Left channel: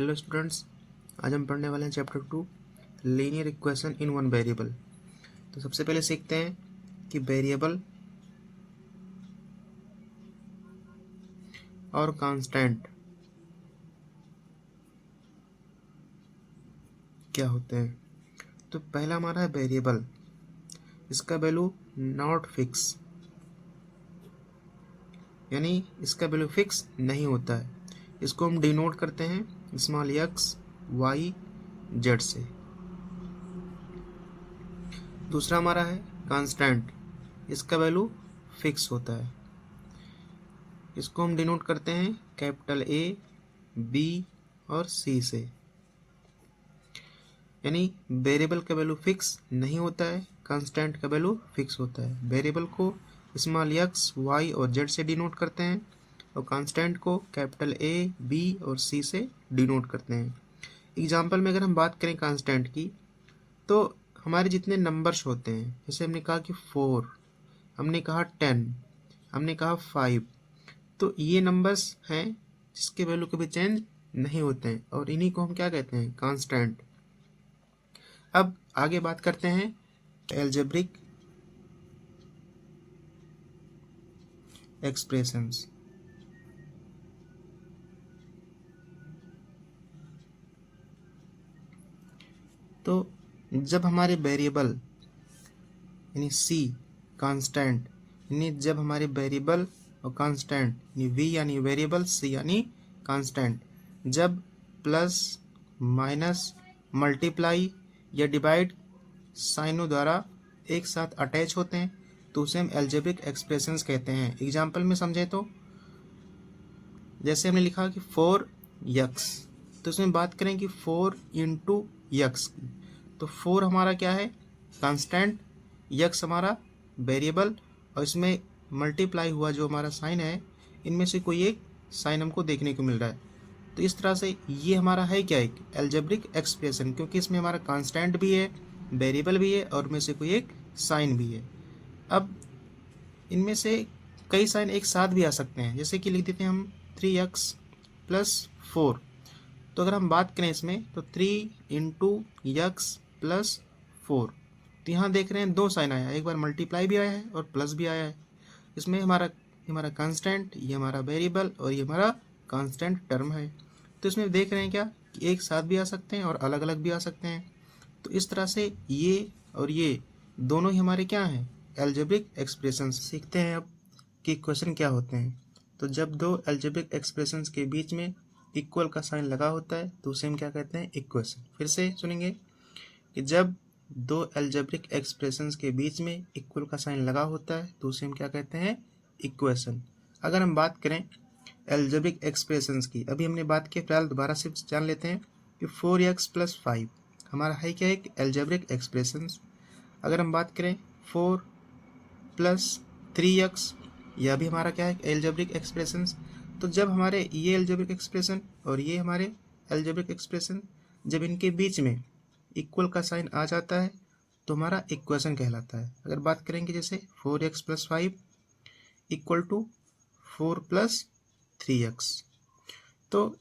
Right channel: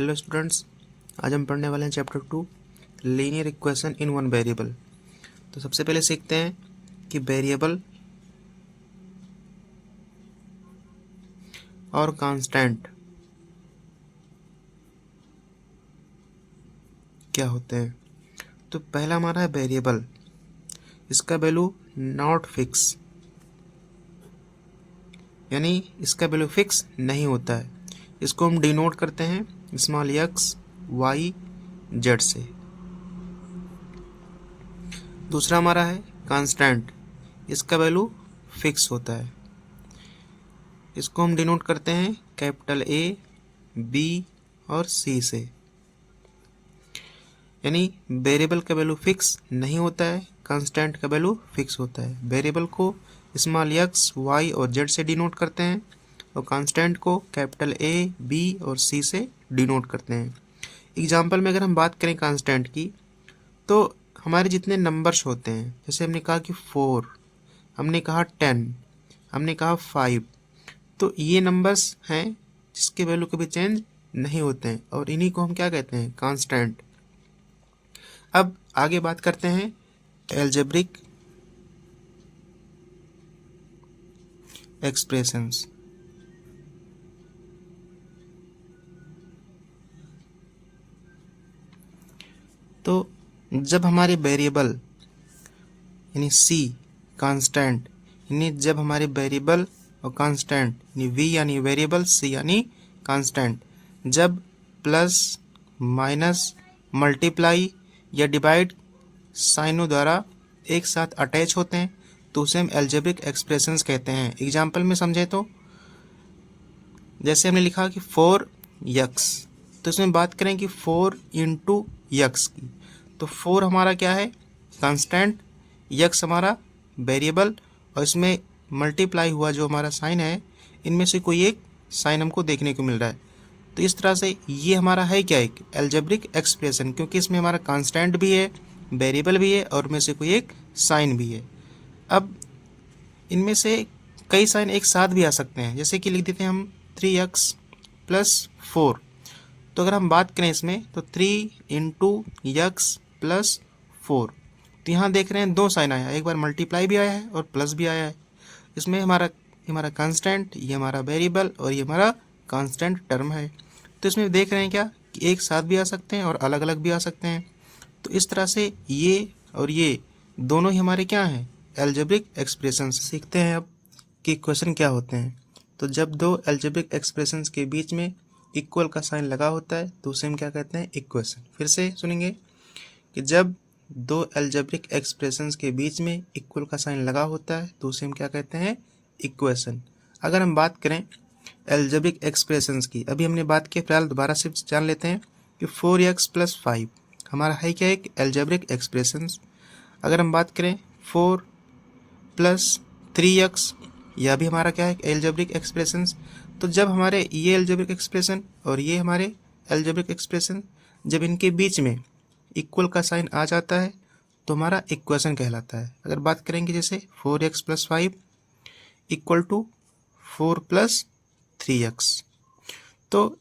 Hello students, आज हम पढ़ने वाले हैं chapter 2 linear equation in one variable. तो सबसे पहले सीखते हैं कि वेरिएबल और कांस्टेंट क्या होते हैं। तो पहला हमारा है वेरिएबल, इसका वैल्यू नॉट फिक्स, यानी इसका वैल्यू फिक्स नहीं होता है। इसको हम डिनोट करते हैं स्मॉल एक्स वाई जेड से। दूसरा हमारा है कांस्टेंट, इसका वैल्यू फिक्स होता है। इसको हम डिनोट करते हैं कैपिटल ए बी और सी से, यानी वेरिएबल का वैल्यू फिक्स नहीं होता है, कांस्टेंट का वैल्यू फिक्स होता है। वेरिएबल को स्मॉल एक्स वाई और जेड से डिनोट करते हैं और कांस्टेंट को कैपिटल ए बी और सी से डिनोट करते हैं। एग्जाम्पल में अगर हम बात करें कांस्टेंट की, तो हमारे जितने नंबर्स होते हैं, जैसे हमने कहा कि 4, हमने कहा 10, हमने कहा 5, तो ये नंबर्स हैं जिसके वैल्यू कभी चेंज नहीं होते हैं और इन्हीं को हम क्या कहते हैं, कांस्टेंट। अब आगे बात करते हैं एल्जेब्रिक एक्सप्रेशंस। तो जब हमारे वेरिएबल यानी सी कांस्टेंट, यानी जब हमारे वेरिएबल और कांस्टेंट यानी वी यानी वेरिएबल, सी यानी कांस्टेंट, जब प्लस माइनस मल्टीप्लाई या डिवाइड साइनों द्वारा एक साथ अटैच होते हैं तो उसे हम एल्जेब्रिक एक्सप्रेशंस कहते हैं। एग्जाम्पल में समझे तो जैसे हमने लिखा कि 4x, तो इसमें बात करें कि 4 इंटू यक्स की, तो 4 हमारा क्या है, कांस्टेंट, यक्स हमारा वेरिएबल, और इसमें मल्टीप्लाई हुआ जो हमारा साइन है, इनमें से कोई एक साइन हमको देखने को मिल रहा है। तो इस तरह से ये हमारा है क्या, एक एल्जेब्रिक एक्सप्रेशन, क्योंकि इसमें हमारा कांस्टेंट भी है, वेरिएबल भी है और में से कोई एक साइन भी है। अब इनमें से कई साइन एक साथ भी आ सकते हैं, जैसे कि लिख देते हैं हम 3x प्लस 4। तो अगर हम बात करें इसमें तो 3 इंटू यक्स प्लस 4, तो यहाँ देख रहे हैं दो साइन आया, एक बार मल्टीप्लाई भी आया है और प्लस भी आया है। इसमें हमारा कांस्टेंट, ये हमारा वेरिएबल और ये हमारा कांस्टेंट टर्म है। तो इसमें देख रहे हैं क्या कि एक साथ भी आ सकते हैं और अलग अलग भी आ सकते हैं। तो इस तरह से ये और ये दोनों ही हमारे क्या हैं, एल्जेब्रिक एक्सप्रेशन। सीखते हैं अब कि इक्वेशन क्या होते हैं। तो जब दो एल्जेब्रिक एक्सप्रेशंस के बीच में इक्वल का साइन लगा होता है तो उसे हम क्या कहते हैं, इक्वेशन। फिर से सुनेंगे कि जब दो एल्जेब्रिक एक्सप्रेशंस के बीच में इक्वल का साइन लगा होता है तो उसे हम क्या कहते हैं, इक्वेशन। अगर हम बात करें एल्जेब्रिक एक्सप्रेशंस की, अभी हमने बात की, फिलहाल दोबारा से जान लेते हैं कि 4x प्लस 5 हमारा है क्या, एक एल्जेब्रिक एक्सप्रेशंस। अगर हम बात करें 4 प्लस 3x, यह भी हमारा क्या है, एल्जेब्रिक एक्सप्रेशंस। तो जब हमारे ये एल्जेब्रिक एक्सप्रेशन और ये हमारे एल्जेब्रिक एक्सप्रेशन, जब इनके बीच में इक्वल का साइन आ जाता है तो हमारा इक्वेशन कहलाता है। अगर बात करेंगे जैसे 4x plus 5 equal to 4 plus 3x, तो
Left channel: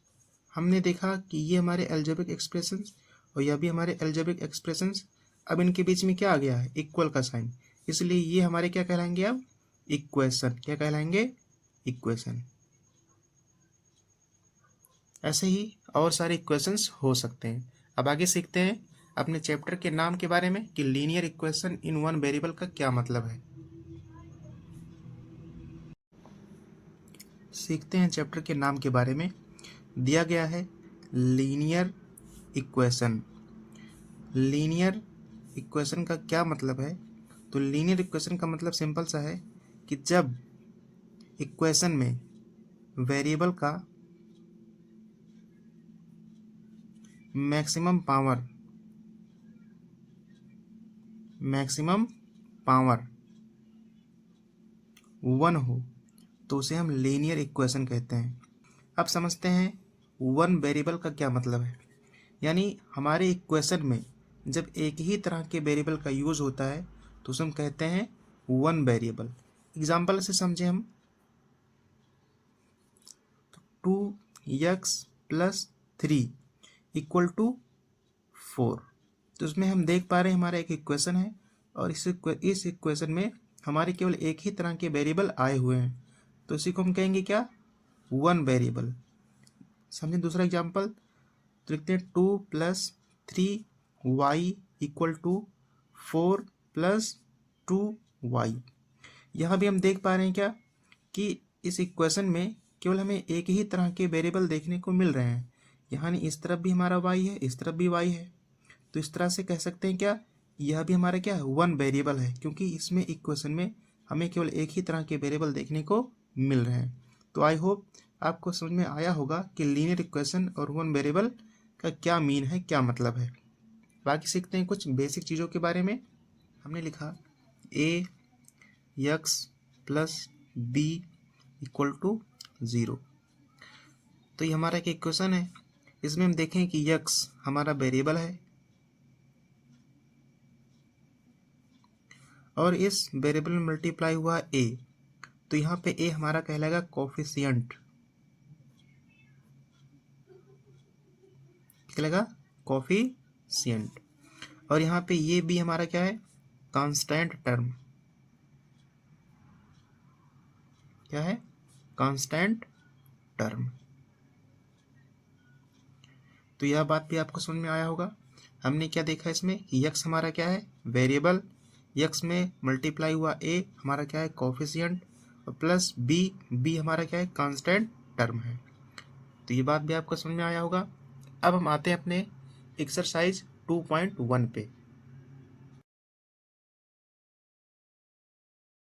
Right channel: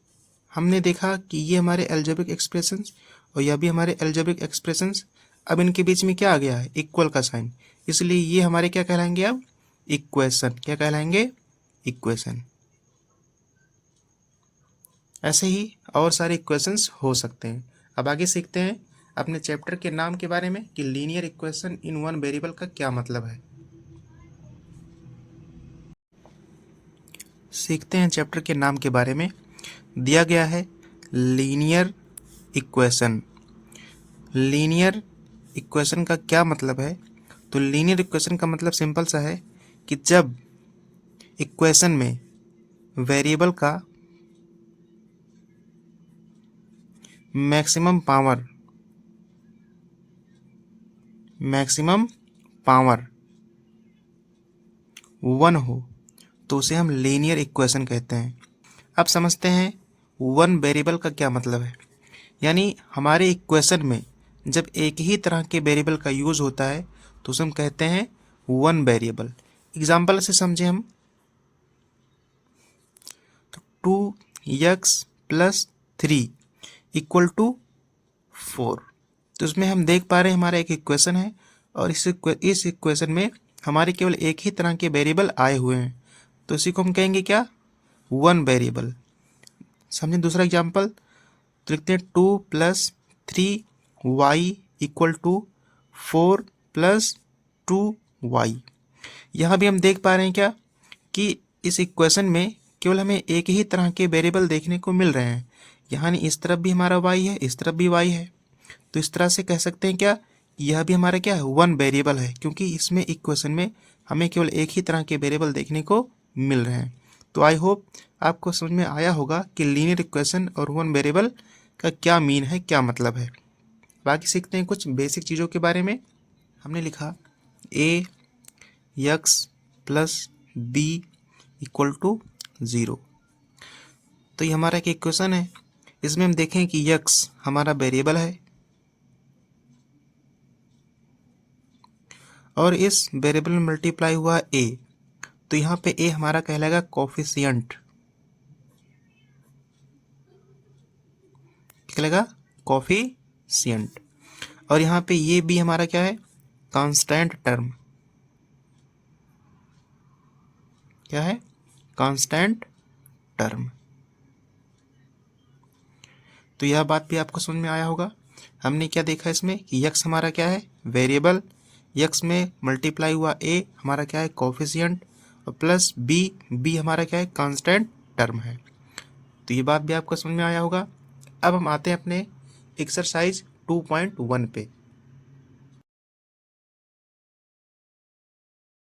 हमने देखा कि ये हमारे एल्जेब्रिक एक्सप्रेशंस और यह भी हमारे एल्जेब्रिक एक्सप्रेशंस। अब इनके बीच में क्या आ गया है, इक्वल का साइन, इसलिए ये हमारे क्या कहलाएंगे, अब इक्वेशन। क्या कहलाएंगे, इक्वेशन। ऐसे ही और सारे इक्वेशंस हो सकते हैं। अब आगे सीखते हैं अपने चैप्टर के नाम के बारे में कि linear equation in one variable का क्या मतलब है। सीखते हैं चैप्टर के नाम के बारे में। दिया गया है लीनियर इक्वेशन। लीनियर इक्वेशन का क्या मतलब है, तो लीनियर इक्वेशन का मतलब सिंपल सा है कि जब इक्वेशन में वेरिएबल का मैक्सिमम पावर 1 हो तो उसे हम लीनियर इक्वेशन कहते हैं। अब समझते हैं वन वेरिएबल का क्या मतलब है। यानी हमारे इक्वेशन में जब एक ही तरह के वेरिएबल का यूज़ होता है तो उसे हम कहते हैं वन वेरिएबल। एग्जाम्पल से समझे हम, तो 2x प्लस 3, इक्वल टू 4। तो इसमें हम देख पा रहे हैं हमारा एक इक्वेशन है और इस इक्वेशन में हमारे केवल एक ही तरह के वेरिएबल आए हुए हैं, तो इसी को हम कहेंगे क्या, वन वेरिएबल। समझे दूसरा एग्जाम्पल, तो लिखते हैं 2 + 3y इक्वल टू 4 + 2y। यहाँ भी हम देख पा रहे हैं क्या कि इस इक्वेशन में केवल हमें एक ही तरह के वेरिएबल देखने को मिल रहे हैं, यानी इस तरफ भी हमारा y है, इस तरफ भी y है। तो इस तरह से कह सकते हैं क्या, यह भी हमारा क्या है, वन वेरिएबल है, क्योंकि इसमें इक्वेशन में हमें केवल एक ही तरह के वेरिएबल देखने को मिल रहे हैं। तो आई होप आपको समझ में आया होगा कि लीनियर इक्वेशन और वन वेरिएबल का क्या मीन है, क्या मतलब है। बाकी सीखते हैं कुछ बेसिक चीज़ों के बारे में। हमने लिखा ax + b इक्वल टू 0। तो ये हमारा एक इक्वेशन है, इसमें हम देखें कि x हमारा वेरिएबल है और इस वेरिएबल में मल्टीप्लाई हुआ a, तो यहाँ पे a हमारा कहलाएगा कोफिशिएंट, कहलाएगा कोफिशिएंट। और यहाँ पे ये b हमारा क्या है, कांस्टेंट टर्म, क्या है, कांस्टेंट टर्म। तो यह बात भी आपको समझ में आया होगा। हमने क्या देखा इसमें कि x हमारा क्या है, वेरिएबल, x में मल्टीप्लाई हुआ a हमारा क्या है, कोफिशिएंट, और प्लस b हमारा क्या है, कांस्टेंट टर्म है। तो ये बात भी आपको समझ में आया होगा। अब हम आते हैं अपने एक्सरसाइज 2.1 पे।